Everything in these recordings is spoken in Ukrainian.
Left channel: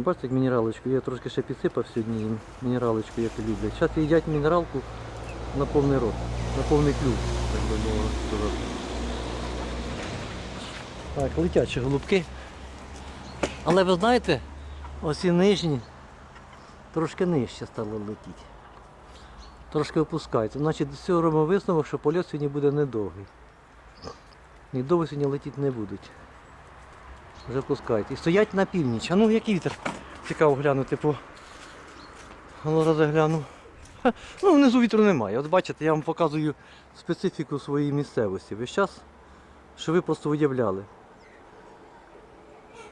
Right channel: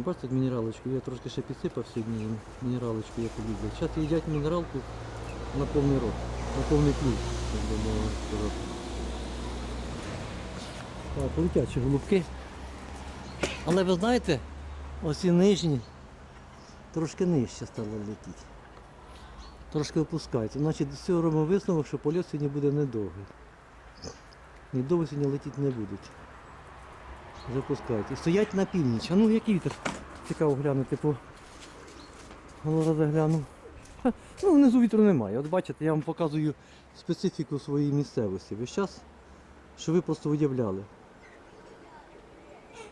Бачите, як мінералочку. Я трошки ще підсипав сьогодні їм мінералочку, як люблять. Зараз їдять мінералку на повний рот, на повний клюв, так би мовити. Так, летячі голубки. Але ви знаєте, ось і нижні трошки нижче стало летіти. Трошки опускається. Значить, з цього робимо висновок, що польот сьогодні буде недовгий. І довго сьогодні летіти не будуть. Запускайте. І стоять на північ. А ну який вітер? Цікаво глянути по. Ну, раз гляну. Ну, внизу вітру немає. От бачите, я вам показую специфіку своєї місцевості. Весь час, що ви просто уявляли.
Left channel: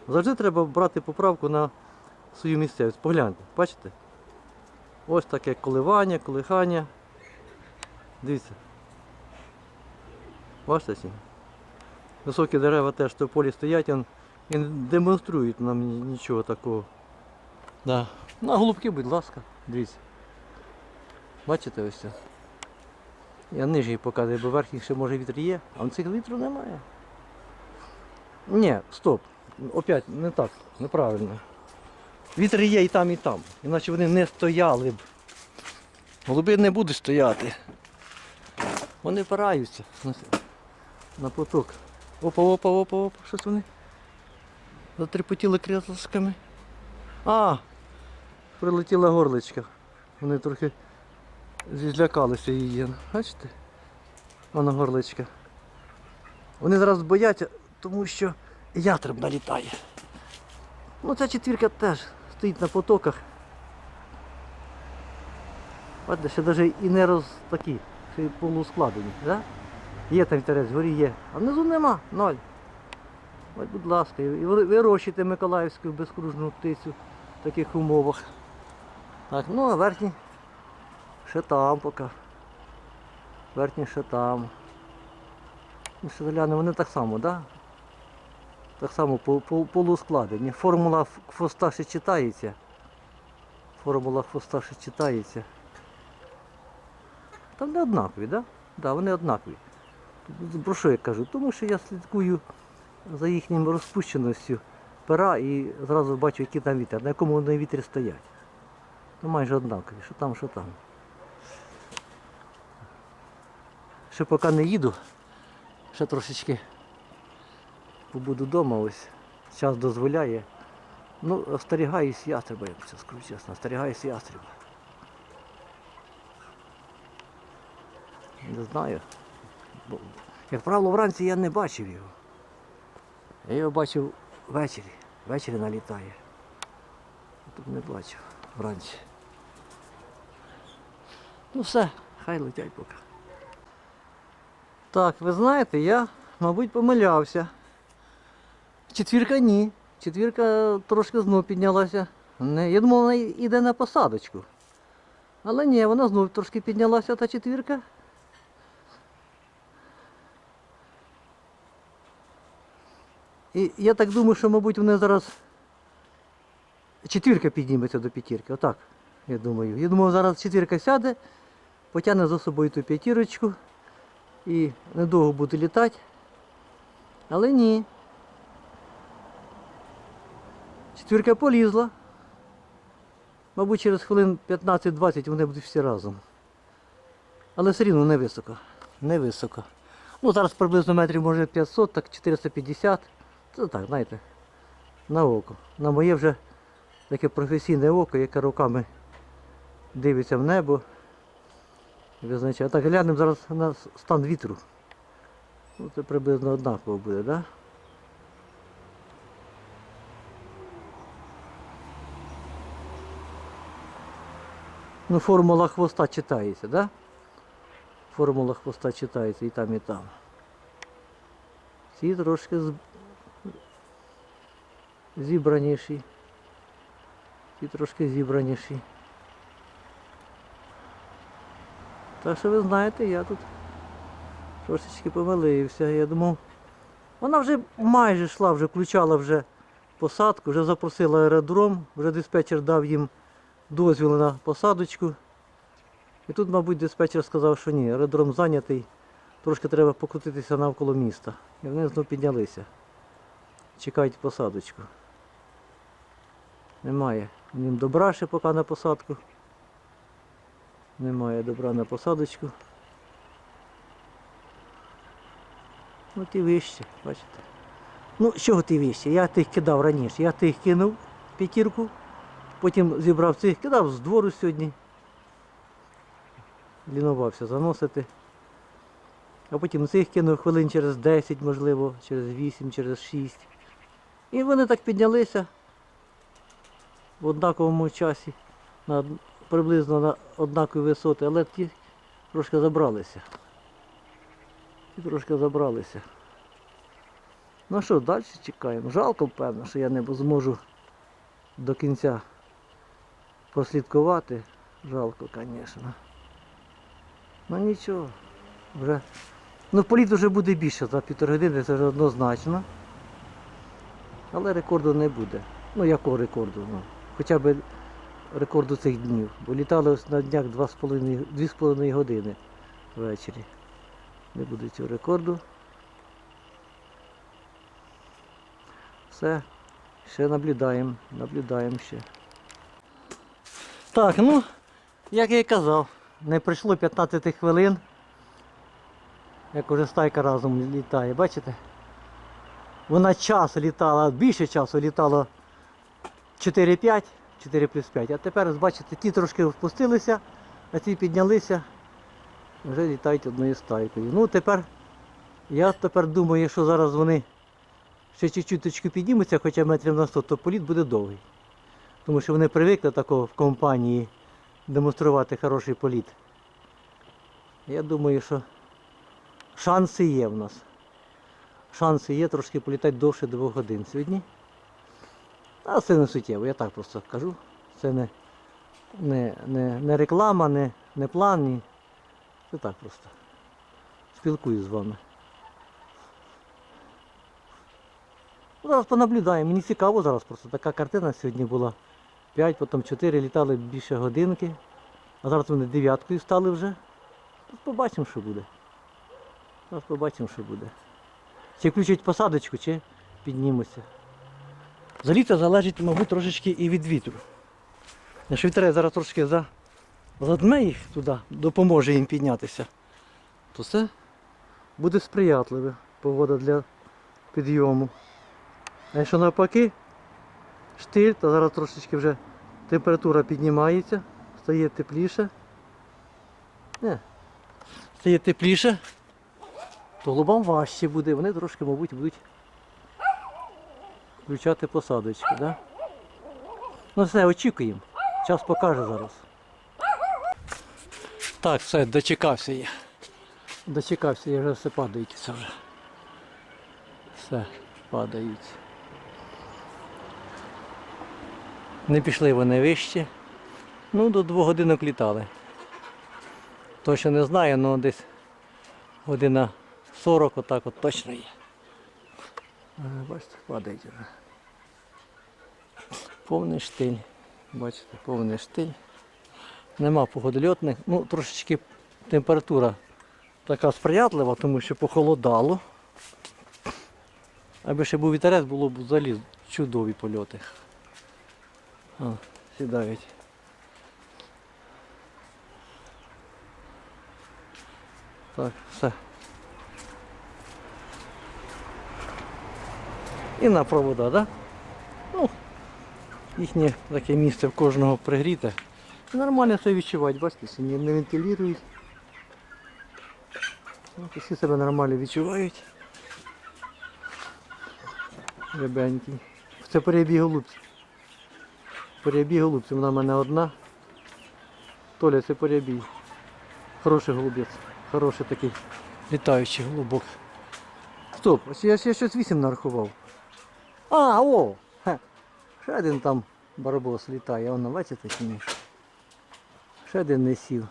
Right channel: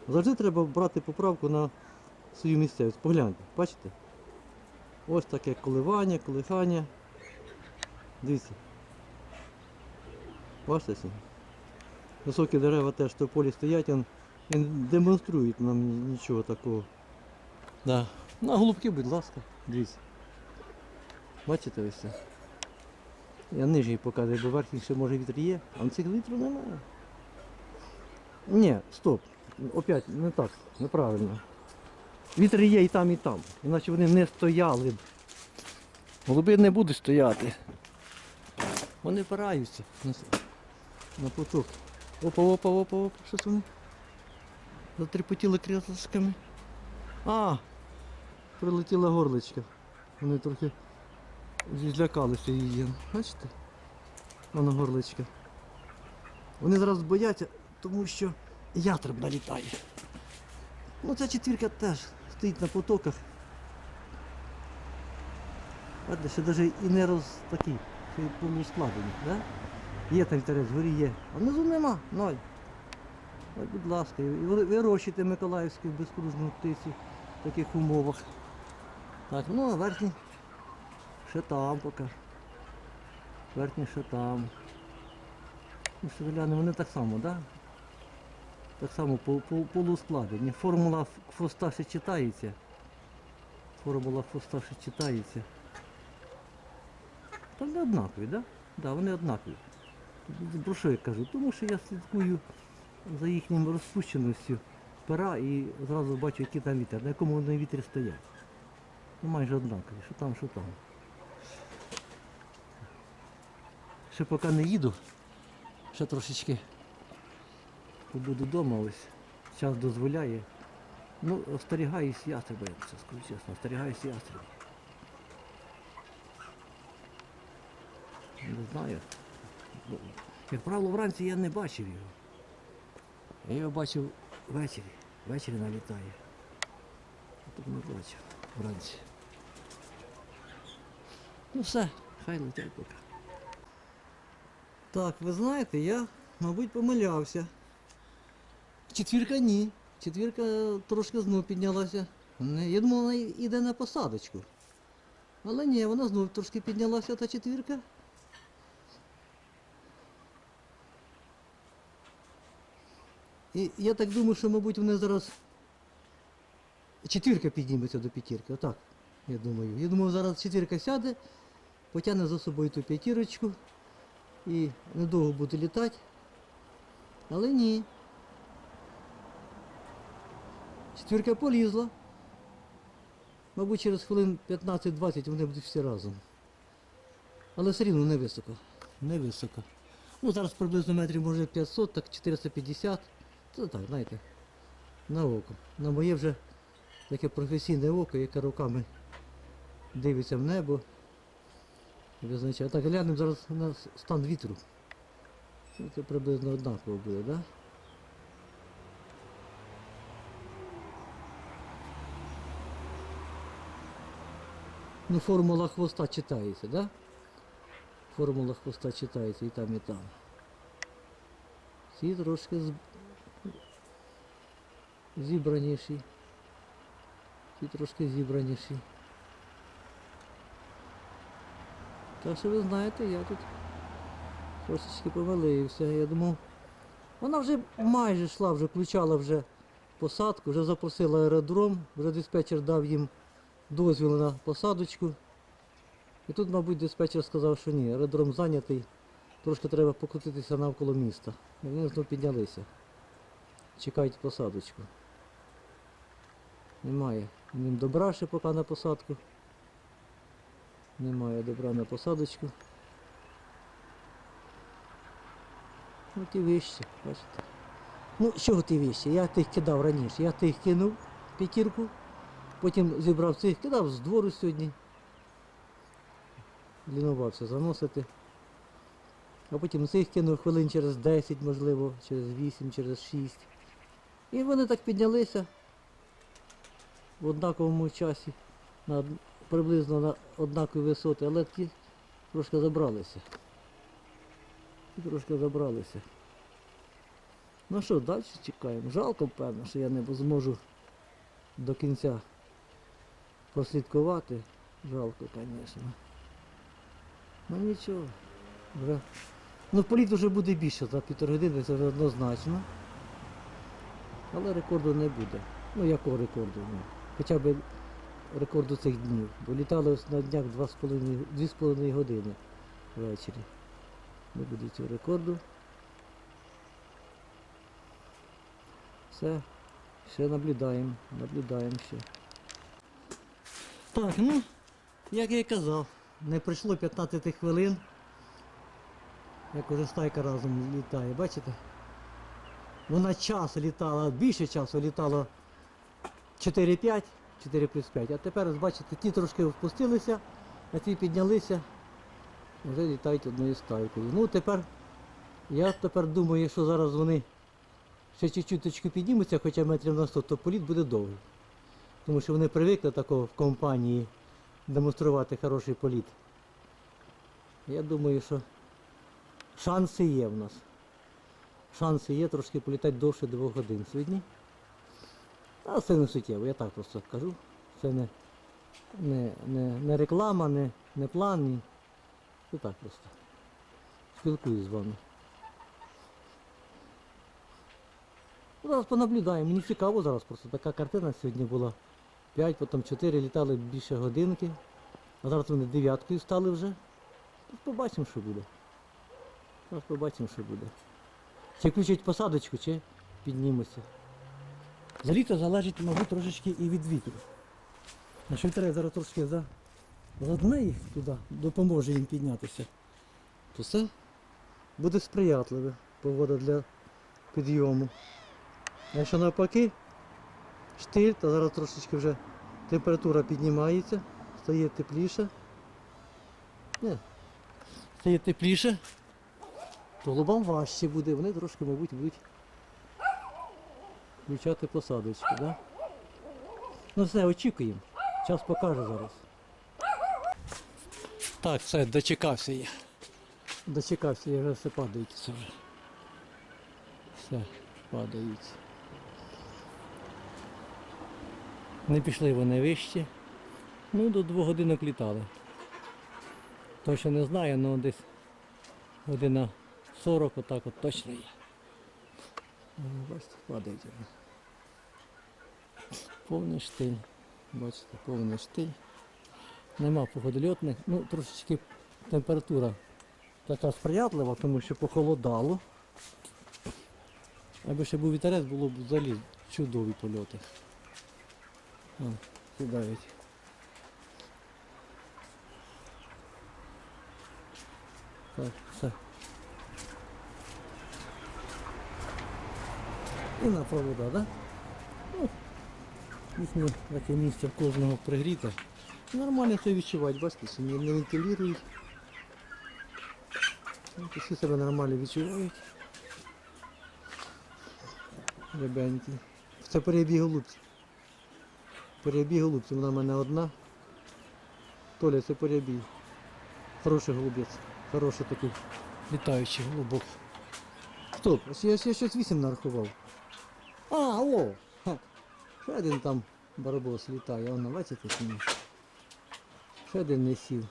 Завжди треба брати поправку на свою місцевість. Погляньте, бачите? Ось таке коливання, колихання. Дивіться. Бачите? Високі дерева теж в полі стоять, і не демонструють нам нічого такого. Да. Ну, а голубки, будь ласка, дивіться. Бачите ось це? Я нижній показую, бо верхній ще може вітер є, а цих вітру немає. Ні, стоп. Опять не так, неправильно. Вітер є і там, і там. Іначе вони не стояли б. Голуби не будуть стояти. Вони впираються на, поток. Опа, опа, опа, опа, щось вони. Затрепотіли крилишками. А! Прилетіла горличка. Вони трохи злякалися її. Бачите? Вона горличка. Вони зараз бояться, тому що ястреб налітає. Ну ця четвірка теж стоїть на потоках. Бачите, ще навіть і не роз такі, ще й полускладені. Да? Є там вітерець, горі є. А внизу нема, ноль. Ось, будь ласка, і ви- вирощуйте Миколаївську безкружну птицю в таких умовах. Так, ну а верхні ще там поки. Верхні ще там. Ну, глянемо, вони так само? Да? Так само по, по, полускладені. Формула хвоста ще читається. Формула хвоста ще читається. Там не однакові? Да? Да, вони однакові. Про що я кажу? Тому що я слідкую за їхньою розпущеністю пера і зразу бачу, який там вітер, на якому вони вітрі стоять. Ну майже однакові, що там, що там. Ще поки не їду, ще трошечки побуду вдома ось. Час дозволяє. Ну, остерігаюсь ястреба, я це скажу чесно, остерігаюсь ястреба. Не знаю. Бо, як правило, вранці я не бачив його. Я його бачив ввечері. Ввечері налітає. Тут не бачив вранці. Ну все, хай летять поки. Так, ви знаєте, я, мабуть, помилявся. Четвірка ні. Четвірка трошки знов піднялася. Не, я думав, вона йде на посадочку. Але ні, вона знов трошки піднялася та четвірка. І я так думаю, що, мабуть, вони зараз четвірка підніметься до п'ятірки. Отак, я думаю. Я думаю, зараз четвірка сяде, потягне за собою ту п'ятірочку і недовго буде літати. Але ні. Четвірка полізла. Мабуть, через хвилин 15-20 вони будуть всі разом. Але все рівно не високо. Не високо. Ну, зараз приблизно метрів може 500, так 450. Це так, знаєте, на око. На моє вже таке професійне око, яке руками дивиться в небо. визначає. Так, глянемо зараз на стан вітру. Ну, це приблизно однаково буде, так? Да? Ну, формула хвоста читається, да? Формула хвоста читається і там, і там. Ці трошки. Зібраніші. Ці трошки зібраніші. Так що ви знаєте, я тут трошечки помилився. Я думав, вона вже майже йшла, вже включала вже посадку, вже запросила аеродром, вже диспетчер дав їм дозвіл на посадочку. І тут, мабуть, диспетчер сказав, що ні, аеродром зайнятий, трошки треба покрутитися навколо міста. І вони знову піднялися. Чекають посадочку. Немає. Ним добра ще поки на посадку. Немає добра на посадочку. Ну ті вищі, бачите. Ну, чого ті вищі? Я тих кидав раніше. Я тих кинув п'ятірку, потім зібрав цих, кидав з двору сьогодні. Лінувався заносити. А потім цих кинув хвилин через 10, можливо, через 8, через 6. І вони так піднялися в однаковому часі, на, приблизно на однакові висоти, але ті трошки забралися. Ті трошки забралися. Ну що, далі чекаємо. Жалко, певно, що я не зможу до кінця прослідкувати. Жалко, звісно. Ну нічого, вже. Ну, політ вже буде більше за півтори години, це вже однозначно. Але рекорду не буде. Ну якого рекорду? Ну, хоча б рекорду цих днів. Бо літали ось на днях 2,5 2,5 години ввечері. Не буде цього рекорду. Все, ще наблюдаємо, наблюдаємо ще. Так, ну, як я і казав, не пройшло 15 хвилин. Як уже стайка разом літає, бачите? Вона час літала, більше часу літала 4-5, 4 плюс 5. А тепер, бачите, ті трошки впустилися, а ті піднялися, вже літають одною стайкою. Ну тепер, я тепер думаю, що зараз вони ще чуть-чуть піднімуться, хоча метрів на 100, то політ буде довгий. Тому що вони привикли такого в компанії демонструвати хороший політ. Я думаю, що шанси є в нас. Шанси є трошки політати довше 2 годин сьогодні. А це не суттєво, я так просто кажу. Це не, не, не, не реклама, не, не план, ні. Це так просто. Спілкуюсь з вами. Зараз понаблюдаємо. Мені цікаво зараз просто така картина сьогодні була. 5, потім 4 літали більше годинки. А зараз вони дев'яткою стали вже. Тут побачимо, що буде. Зараз побачимо, що буде. Чи включать посадочку, чи піднімуться. За літо залежить, мабуть, трошечки і від вітру. Якщо вітер зараз трошки за... задме їх туди, допоможе їм піднятися, то це буде сприятливе погода для підйому. А якщо навпаки, штиль, то зараз трошечки вже температура піднімається, стає тепліше. Не, стає тепліше, то голубам важче буде, вони трошки, мабуть, будуть включати посадочки, да? Ну все, очікуємо. Час покаже зараз. Так, все, дочекався я. Дочекався, я вже все падають це вже. Все, падають. Не пішли вони вище. Ну, до двох годинок літали. Точно не знаю, але десь година 40 отак от точно є. Бачите, падають вже. Повний штиль. Бачите, повний штиль. Нема погодольотних. Ну, трошечки температура така сприятлива, тому що похолодало. Аби ще був вітерець, було б взагалі чудові польоти. О, сідають. Так, все. І на провода? Да? Ну, їхнє таке місце в кожного пригріте. Нормально все відчувати, бачите, не, не вентилюють. Ну, Всі себе нормально відчувають. Ребенькі. Це перебіг голубці. Перебіг голубці, вона в мене одна. Толя, це перебіг. Хороший голубець. Хороший такий літаючий голубок. Стоп, ось я, я щось вісім нарахував. А, о! Хе. Ще один там барбос літає, воно бачите чи ні? Ще один не сів.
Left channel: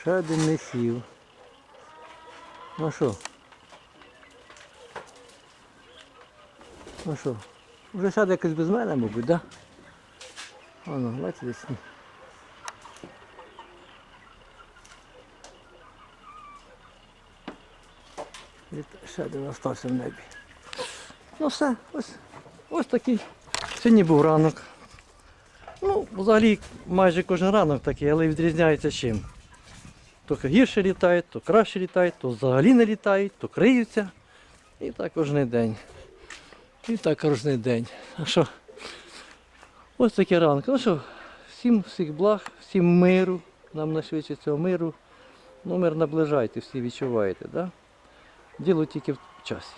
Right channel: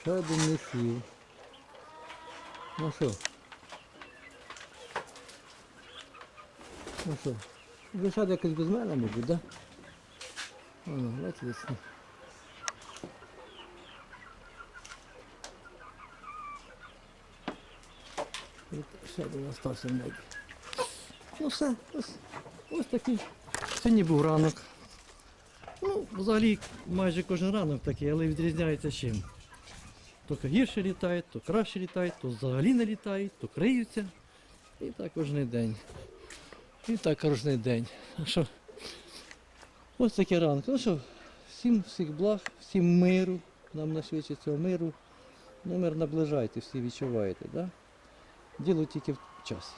Ще один не сів. Ну що? Ну що? Вже сяде якось без мене, мабуть, да? Воно, бачите, десь. ні. І Ще один остався в небі. Ну все, ось Ось такий. Сьогодні був ранок. Ну, взагалі майже кожен ранок такий, але відрізняється чим. То гірше літають, то краще літають, то взагалі не літають, то криються. І так кожен день. І так кожен день. А що? Ось такі ранки. Ну що, всім всіх благ, всім миру. Нам нашвидше цього миру. Ну, мир наближайте, всі відчуваєте, да? Діло тільки в часі.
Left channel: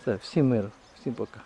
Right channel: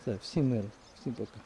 Все, всім миру, всім пока.